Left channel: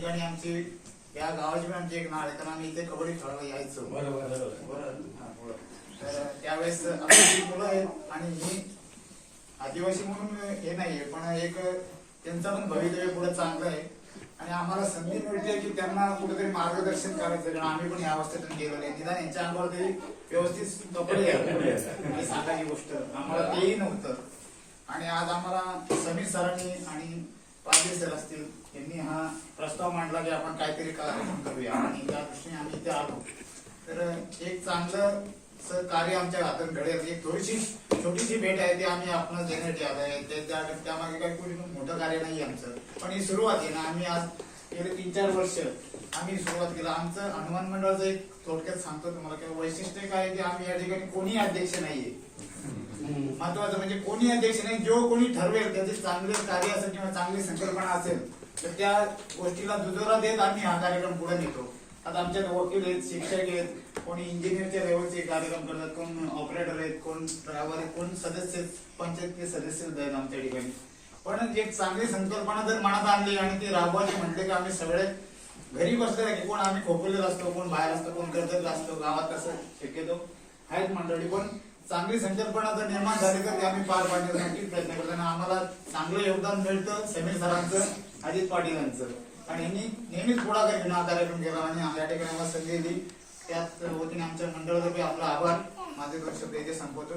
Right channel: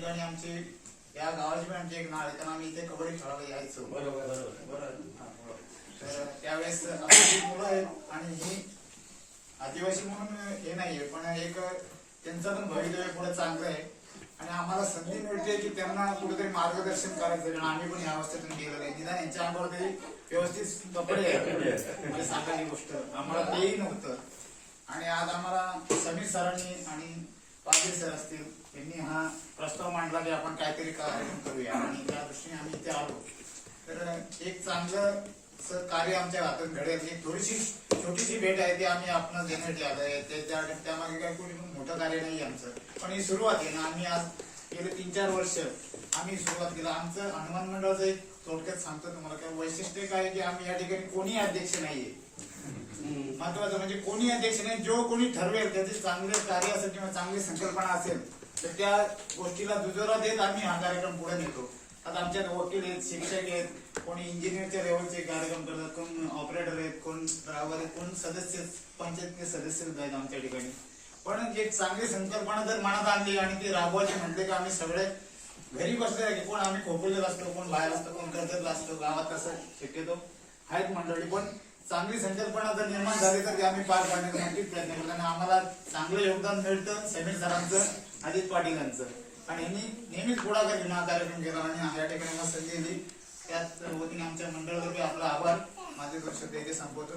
ठिकाणी आमची या गावाची पण आमची एक नाळ आहे तर आम्ही इथे कबड्डी खेळायला यायचो. बरोबर बरोबर बरं. तर त्यावेळेस आमची मुलं आहेत आणि ही आदिवासी म्हणून हे नाहीये पण एक त्यांचं पण भवितव्य पुढे चांगलं आहे. आणि आम्हाला संधी मिळते की त्यांना कुठेतरी मार्गदर्शन करायचं कारण आम्ही पण या अवस्थेतून गेलो नाही निदान यांच्या अंगावर तरी व्यवस्थित कपडे. ही सांगायची गोष्ट आम्हाला तेही नव्हतं. आणि आज आम्हाला समीर सरांनी आणि पाटील सर असतील. यांनी हा प्रस्ताव मांडला की आपण काहीतरी कार्यक्रम करूया. आणि त्या दृष्टीने आम्ही इथे आलो. तर एक चांगलं कार्य आमच्या हातात घडेल. एक थोडीशी छोटीशी भेट आहे ती आम्ही आपण देण्यासाठी आहे. त्या त्यामागे काही कोणी मोठं कार्य नाही आमचं. पण ही सुरुवात आहे ना. आम्ही आज गेले तीन चार वर्ष आम्ही सुरुवात केलं. आमचं हनुमान मंडळाचं एक थोडक्यात सांगतो तुम्हाला. किंवा वैशिष्ट्य काय आहे की आम्ही या ठिकाणी कोणी अध्यक्ष नाहीये. महत्वाचं म्हणजे कोणी अध्यक्ष नाही जो कोणी ठरवेल त्याचे चांगले कार्य असेल किंवा चांगली संकल्पना असेल तर त्या गोष्टीला दुजोरा देत आम्ही हा कार्यक्रम पुढे नेतो. आता आमच्यात वकील आहेत शिक्षक आहेत कोणी इंजिनियरच्या लेवलचे कार्यक्रम करतात कोण ऑपरेटर आहेत कोण ड्रायव्हर आहेत कोण सदस्य पंचायतचे सदस्य आहेत आमच्या ठिकाणी. पण एक चांगली संकल्पना जर मनात आणली आणि ती राबवायची म्हटले की आम्ही सगळे घरी बसले की कोण आम्ही खोकलेला असतो कोण बाहेर असतो कोण कर्जतला असतो गावात कसं शक्यतो आहेत मंडळी. पण चांगली संकल्पना जर निर्माण झाली तर ते आम्ही पार पाडण्याचा नक्कीच प्रयत्न करतो आणि आम्हाला चांगलं योगदान मिळतं समीर सरांचं अजित पाटील यांचं आणि यांनी नेहमीच पुढाकार घेऊन हा कार्यक्रम केला आणि या ठिकाणी आम्हाला संधी दिली. त्याच वतीने आमच्या मंडळातर्फे आपला आभार. माझे दोन संपवतो.